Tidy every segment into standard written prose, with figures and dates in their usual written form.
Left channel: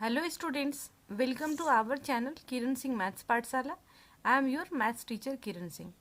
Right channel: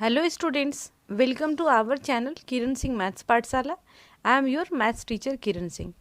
Hello students, welcome to our channel Kiran Singh maths Pathshala. I am your maths teacher Kiran Singh.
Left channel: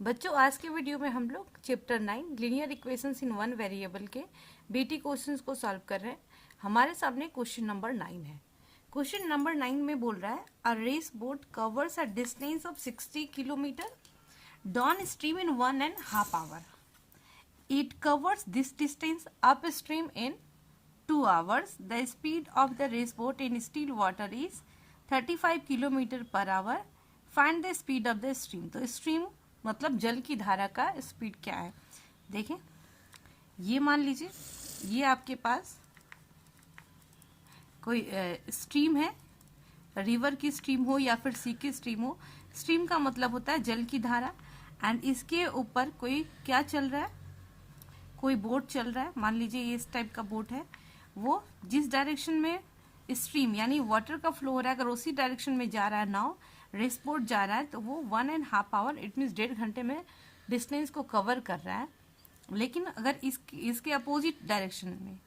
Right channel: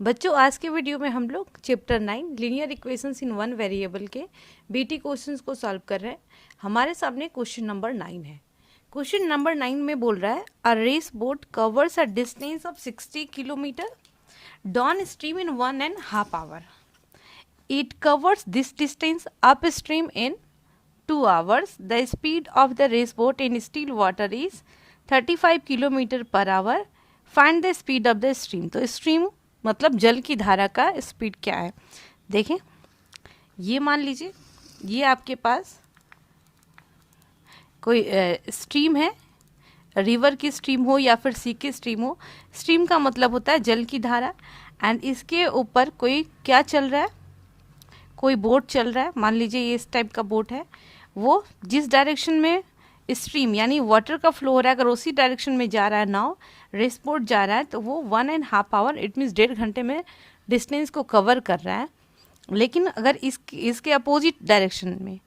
बच्चों, आज के video में हम लोग chapter 9 linear equations in one variable के बीटी क्वेश्चंस को सॉल्व कर रहे हैं। हमारे सामने क्वेश्चन नंबर 9 है। क्वेश्चन नंबर 9 में बोल रहा है a race boat covers a distance of 60 kilometre downstream in 1.5 hour. It covers this distance upstream in 2 hours. The speed of the race boat in still water is 35 kilometre per our. Find the speed of the stream. तो stream मतलब जल की धारा का speed क्या है. देखें, ये मान लीजिए ये आपके पास कोई स्ट्रीम है, रिवर की स्ट्रीम हो या फिर सी की स्ट्रीम हो. स्ट्रीम का मतलब होता है जल की धारा. एंड इसके ऊपर कोई क्या चल रहा है, कोई बोट चल रहा है. मान लीजिए ये इस टाइप का बोट है. वो जिस डायरेक्शन में स्ट्रीम यानी वाटर का फ्लो हो रहा है, अगर उसी डायरेक्शन में जा रहा है नाव, रेस बोट जा रहा है, तो वो 1.5 hour इट मीन्स 1.5 घंटे में डिस्टेंस को कवर कर रहा है. लेकिन अगर इसके अपोजिट डायरेक्शन में,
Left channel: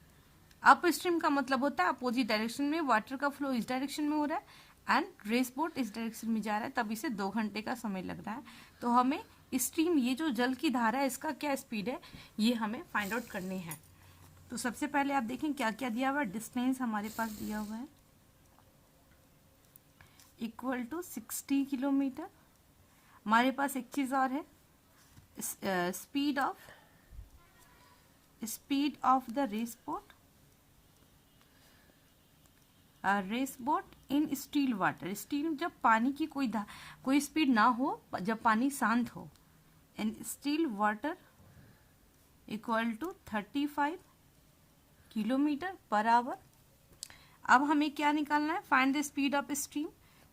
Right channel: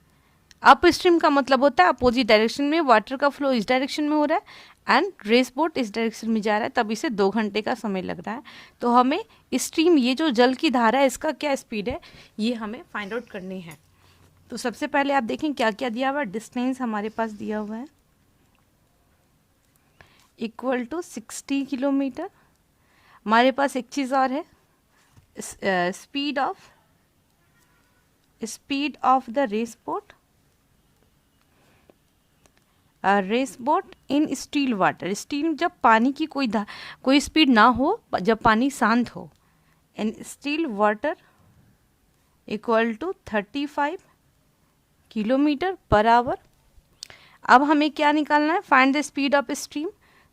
अप स्ट्रीम का मतलब होता है अपोजिट डायरेक्शन में, वाटर का फ्लो इस डायरेक्शन में हो रहा है एंड रेस बोट इस डायरेक्शन में जा रहा है, तब इसे 2 घंटे का समय लग रहा है. तो हमें स्ट्रीम, ये जो जल की धारा है, इसका क्या स्पीड है ये हमें फाइंड आउट करनी है. तो सबसे पहले आप देखें क्या क्या दिया हुआ है. डिस्टेंस हमारे पास दिया हुआ है इक्वल टू 60 किलोमीटर. हमारे पास एक चीज़ और है, speed of the race boat in still water. Still जब पानी की कोई स्पीड ना हो, जब पानी शांत हो. In still water equal to 35 kilometre per hour. अब हमें क्या निकालना है, find the speed of stream.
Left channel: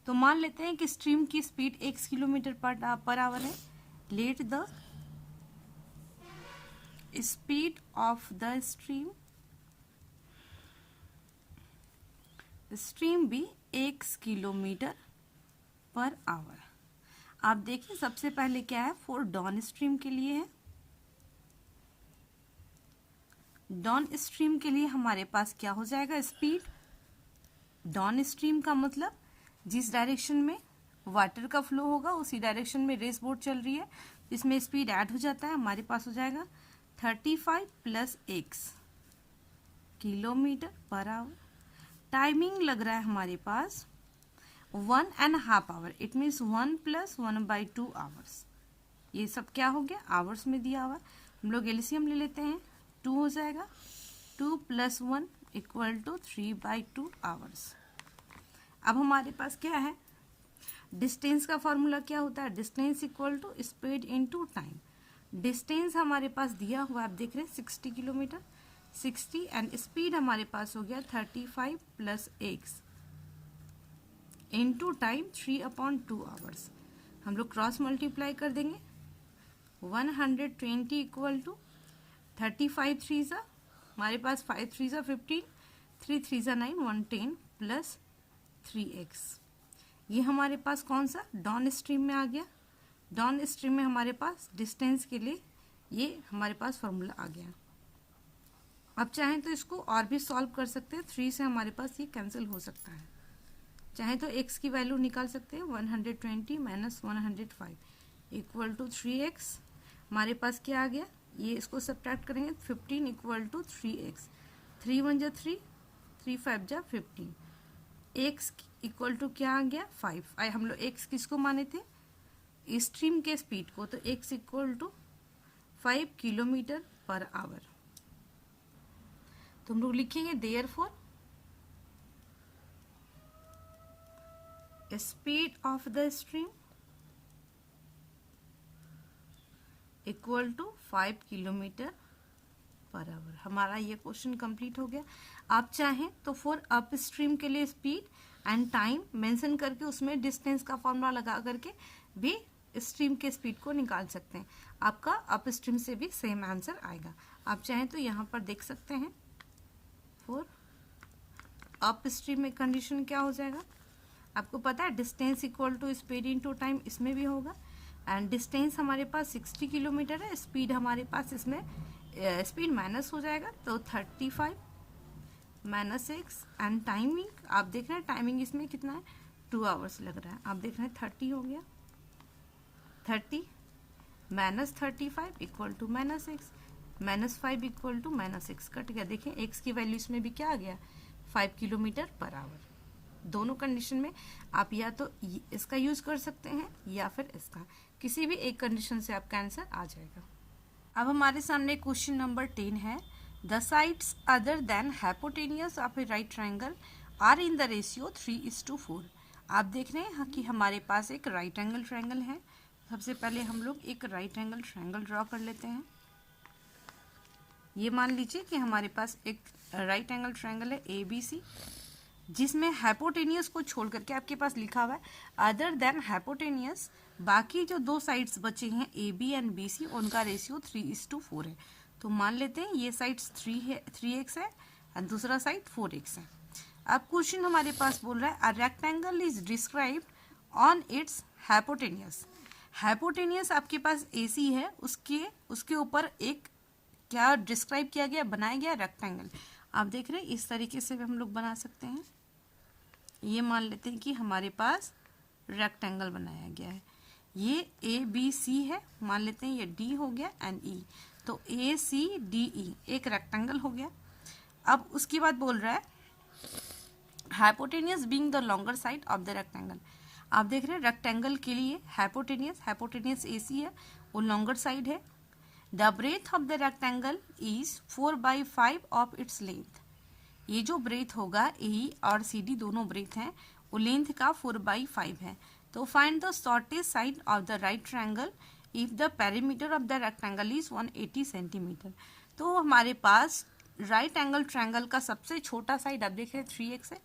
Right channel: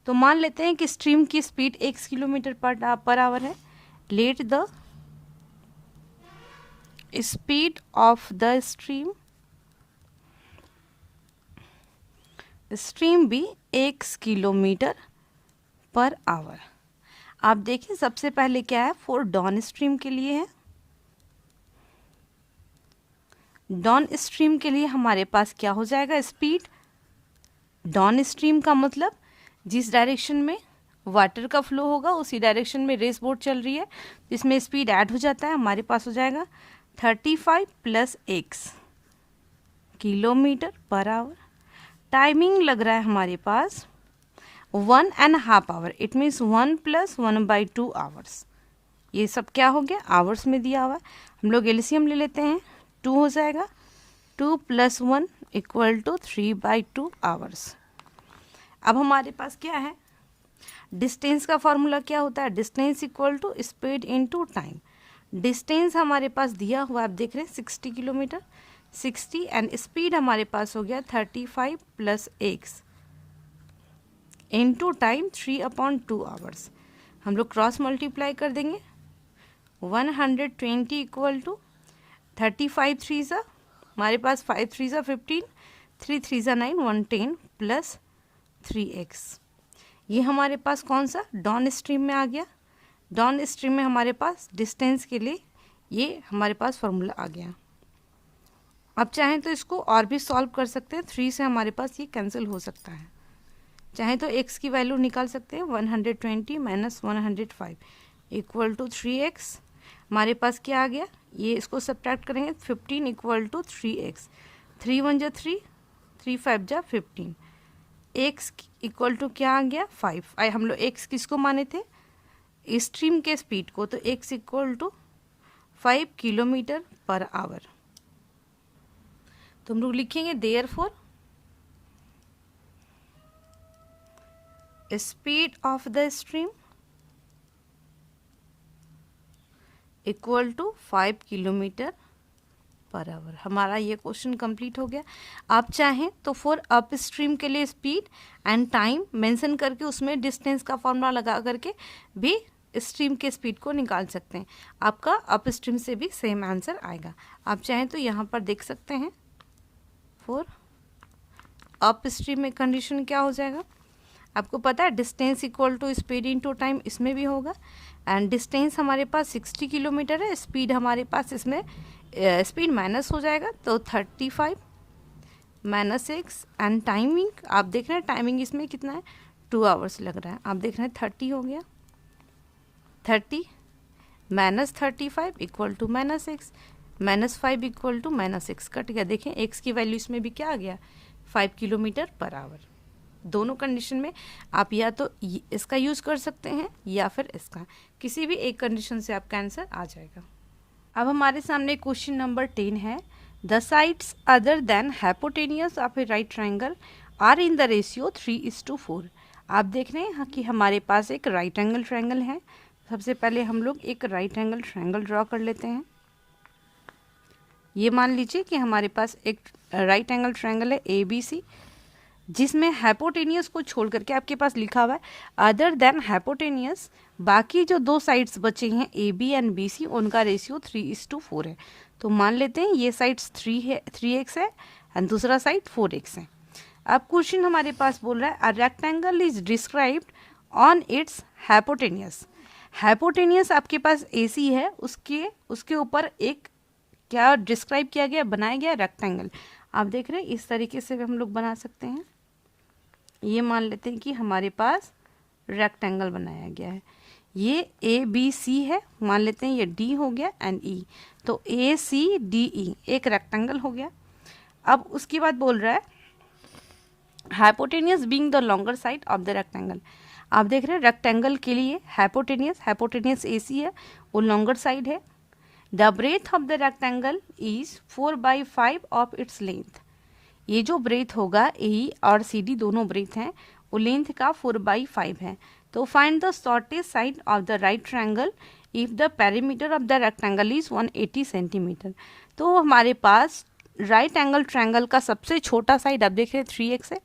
तो मान लेते हैं कि स्ट्रीम की स्पीड 1 किलोमीटर पर आवर है. Let the speed of the stream भी 1 किलोमीटर पर आवर. आप देखिए सबसे पहले क्या है, फॉर डाउन स्ट्रीम के लिए है. डाउन स्ट्रीम के लिए हमारे पास क्या हो जाएगा, स्पीड. डाउन स्ट्रीम का मतलब जिस डायरेक्शन में वाटर का फ्लो होगा उसी डायरेक्शन में रेस बोट चल रही है, जिसमें स्पीड ऐड हो जाता है. हमारे पास हो जाएगा 35 + x kilometre per our. Timing लग रहा है हमारे पास 1.5 hour. It means 1 + 1/2 hours. ये सब क्या हो गया, आवर्स में दिया हुआ. हम लोग एलसीएम ले लेते हैं. 2 हो जाएगा. 2 + 1 = 3/2 hours. अब हमारे पास क्या है, डिस्टेंस का फॉर्मूला क्या होता है, distance equal to speed into time. Distance हमारे पास दिया हुआ आप देख रहे हैं 60 किलोमीटर, 60 एंड स्पीड हमारे पास हो गया 35 + x इनटू टाइम 3/2 hours. हम लोग क्रॉस मल्टीप्लाई कर देंगे. 120 इक्वल टू 35 3 ज़ा, हमारे पास 5 3 ज़ा 15, 3 3 ज़ा 9, 110 + 3x. ये हमारे पास कौन सा, डाउन स्ट्रीम में आ गया. डाउन स्ट्रीम में हमारे पास डिस्टेंस के लिए ये हमारे पास फॉर्मूला आ गया. अब चाहें तो इसको और भी सॉल्व कर सकते हैं. 3 से हमारे पास ये कैंसिल हो सकता है. चाहें तो x की वैल्यू निकाल सकते हैं. 120 - 105 = 3x. हमारे पास क्या आ गया, ये इसको सब्ट्रैक्ट करेंगे. 15 = 3x. 3 1 = 3, 3 5 = 15. x इक्वल टू क्या आ गया, 5. हम लोग x किसको माने थे, स्ट्रीम के स्पीड को. तो x equal to 5 kilometre per hour. तो हम लोग लिखेंगे therefore speed of the stream equal to 5 kilometre per hour. हमारा ये क्वेश्चन कंप्लीट हो गया. आप चाहें तो फॉर अप स्ट्रीम के लिए स्पीड एंड टाइम मेंशन करके उसमें डिस्टेंस का फॉर्मूला लगा करके भी स्ट्रीम के स्पीड को निकाल सकते हैं. आपका अप स्ट्रीम से भी सेम आंसर आएगा. आप चाहें तो यहाँ पर देख सकते हैं फॉर अप स्ट्रीम में कंडीशन क्या हो जाएगा. आपको पता है distance equal to speed into time, इसमें भी होगा. एंड डिस्टेंस हमारे पास 60 किलोमीटर है. स्पीड हमारे पास इसमें स्पीड माइनस हो जाएगा, तो 35 -x एंड टाइमिंग आप देख रहे हैं, टाइमिंग इसमें कितना है 2 आवर्स लग रहा है। आप देख रहे हैं 30 हो गया, 30 -35 equal to -x, -5 equal to -x cut गया। देखें x की वैल्यू इसमें भी क्या आ गया 5 किलोमीटर पर आवर। दोनों कंडीशन में आप या तो इसका यूज़ कर सकते हैं या फिर इसका, किसी भी एक कंडीशन से आपका आंसर आ जाएगा। अब हमारे सामने क्वेश्चन नंबर 10 है, the sides other than hypotenuse of a right triangle are in the ratio 3:4। आप देख रहे हैं कि हमारे पास एक राइट एंगल ट्रायंगल है। सबसे पहले हम लोग एक राइट एंगल ट्रायंगल ड्रॉ कर लेते हैं। ये मान लीजिए कि हमारे पास एक राइट एंगल ट्रायंगल है ABC, जिसमें हाइपोटेनियस को छोड़ करके आपके पास लिखा हुआ है अदर देन हाइपोटेनियस, बाकी जो दो साइड्स बचे हैं AB एंड BC उनका रेशियो 3:4 है। तो मान लेते हैं ये साइड्स 3x है एंड दूसरा साइड 4x है। अब क्वेश्चन हमारे पास बोल रहा है a rectangle is described on it's hypotenuse. Hypotenuse आपके पास AC है, उसके ऊपर एक क्या डिस्क्राइब किया गया, बनाया गया रेक्टेंगल। आप देख रहे हैं इस तरीके से हम लोग बना सकते हैं। ये मान लेते हैं कि हमारे पास रेक्टेंगल बनाया गया है। ये ABC है, मान लेते हैं ये D हो गया एंड E, तो ACDE एक रेक्टेंगल हो गया। अब उसके बाद बोल रहा है hypotenuse being the longer side of the rectangle. आप देख रहे हैं रेक्टेंगल के लिए हाइपोटेनियस AC है, वो लॉन्गर साइड है। The breadth of the rectangle is 4/5 of its length. ये जो ब्रेथ होगा AE और CD दोनों ब्रेथ हैं, वो लेंथ का 4/5 है। तो find the shortest side of the right triangle if the perimeter of the rectangle is 180 centimetre. तो हमारे पास राइट एंगल ट्रायंगल का सबसे छोटा साइड आप देख रहे हैं 3x है,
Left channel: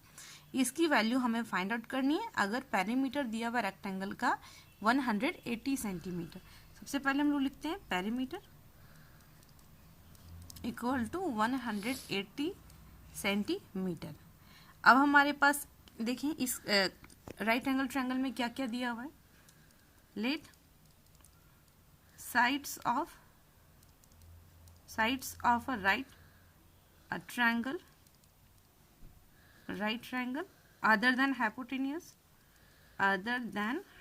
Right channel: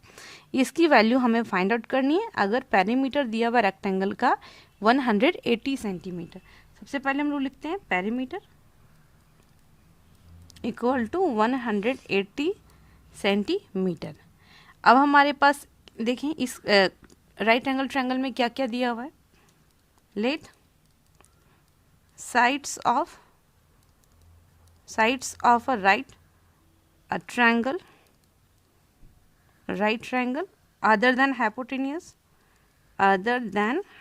इसकी वैल्यू हमें फाइंड आउट करनी है अगर पेरीमीटर दिया हुआ रेक्टेंगल का 180 सेंटीमीटर। सबसे पहले हम लोग लिखते हैं पेरीमीटर इक्वल टू 180 सेंटीमीटर। अब हमारे पास देखें इस राइट एंगल ट्रायंगल में क्या क्या दिया हुआ है, let sides of a right triangle other than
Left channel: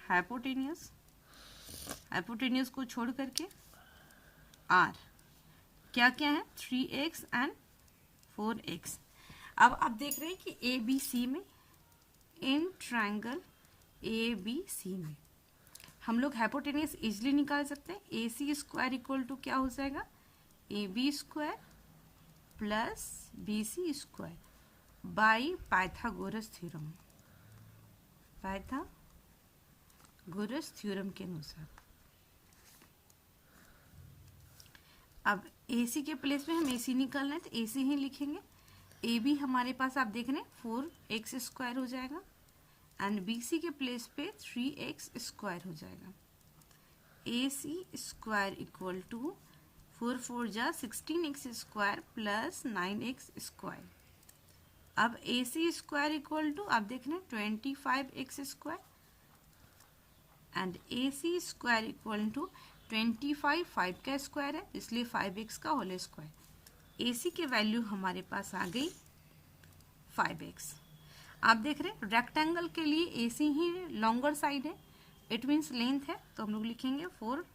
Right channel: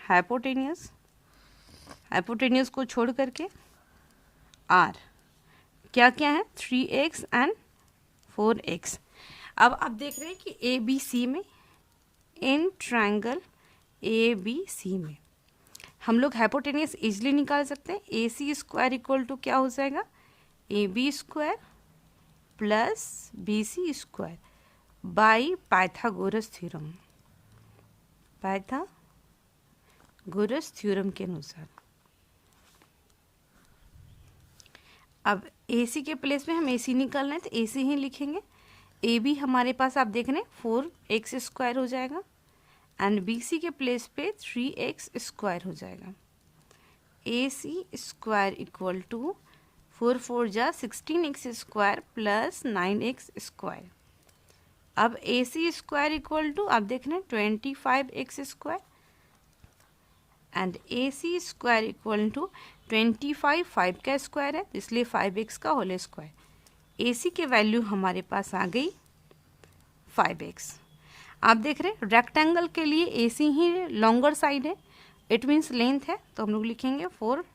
hypotenuse को छोड़ करके आर क्या क्या है 3x एंड 4x। अब आप देख रहे हैं कि ABC में, इन ट्रायंगल ABC में हम लोग हाइपोटेनियस इजिली निकाल सकते हैं। AC स्क्वायर इक्वल टू क्या हो जाएगा AB square plus BC square by Pythagoras theorem के अनुसार। अब AC के प्लेस में हम AC निकालना है तो AC ही लिखेंगे। AB हमारे पास आप देख रहे हैं 4x स्क्वायर हो जाएगा एंड BC के प्लेस पे 3x स्क्वायर हो जाएगा। AC स्क्वायर इक्वल टू 4 जा 16x square plus 9x square. अब AC स्क्वायर इक्वल टू आप देख रहे हैं 25x square and AC square equal to 25 5 का स्क्वायर है इसलिए 5x का होल स्क्वायर। AC की वैल्यू हमारे पास आ गई 5x। आप देख रहे हैं रेक्टेंगल के लिए AC ही लॉन्गर साइड है, इट मीन्स लेंथ है, तो हम लोग लिखेंगे for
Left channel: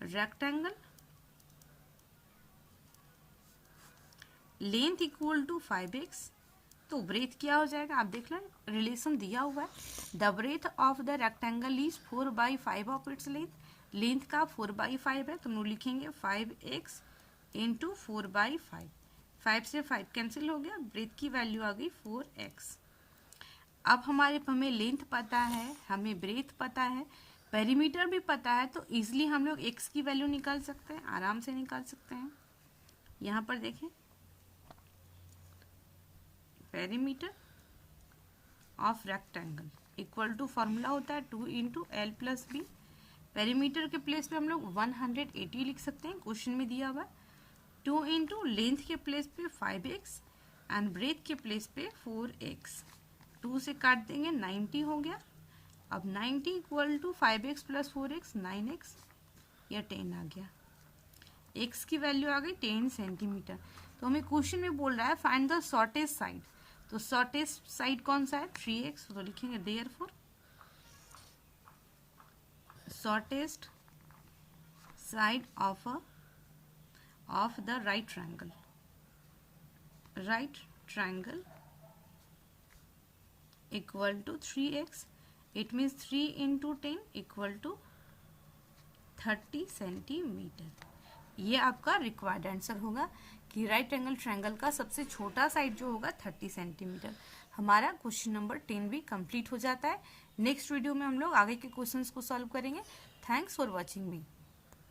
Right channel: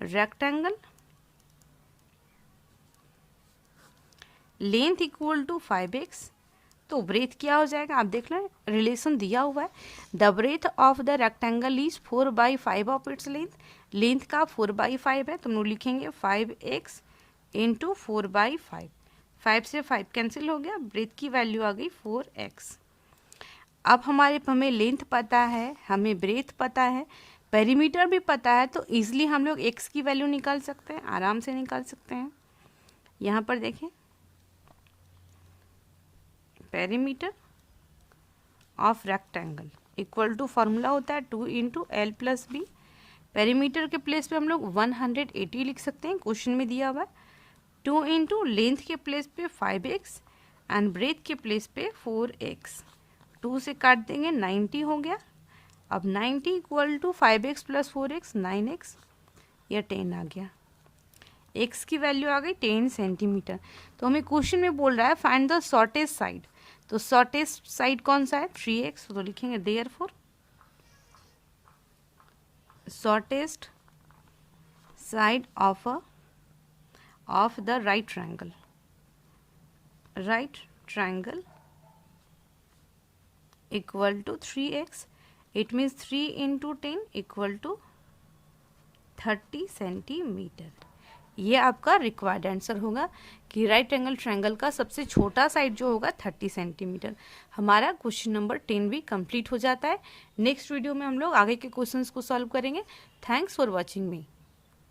rectangle length equal to 5x। तो ब्रेथ क्या हो जाएगा, आप देख लें रिलेशन दिया हुआ है, the breadth of the rectangle is 4/5 of its length का 4/5 है, तो हम लोग लिखेंगे 5x इंटू 4/5। 5 से 5 कैंसिल हो गया, ब्रेथ की वैल्यू आ गई 4x। अब हमें लेंथ पता है, हमें ब्रेथ पता है, पेरीमीटर भी पता है, तो इजीली हम लोग x की वैल्यू निकाल सकते हैं, आराम से निकाल सकते हैं। यहाँ पर देखें perimeter of rectangle equal to formula होता है 2 into L plus B. Perimeter के प्लेस पे हम लोग 180 लिख सकते हैं, क्वेश्चन में दिया हुआ है। 2 इंटू लेंथ के प्लेस पे 5x एंड ब्रेथ के प्लेस पे 4x। 2 से काट देंगे 90 हो गया। अब 90 equal to 5x plus 4x 9x, या 10 आ गया। एक्स की वैल्यू आ गई 10 सेंटीमीटर। तो हमें क्वेश्चन में बोल रहा है फाइंड द शॉर्टेस्ट साइड। तो शॉर्टेस्ट साइड कौन सा है? 3x। तो लिखेंगे therefore shortest side of the right triangle equal to 3x। It means 3 into 10 equal to 30 centimetre. ये आपका रिक्वायर्ड आंसर होगा कि राइट एंगल ट्रायंगल का सबसे छोटा साइड जो होगा 30 सेंटीमीटर। हमारा क्वेश्चन नंबर 10 भी कंप्लीट हो जाता है। नेक्स्ट वीडियो में हम लोग आगे के क्वेश्चंस को सॉल्व करेंगे। Thanks for watching me.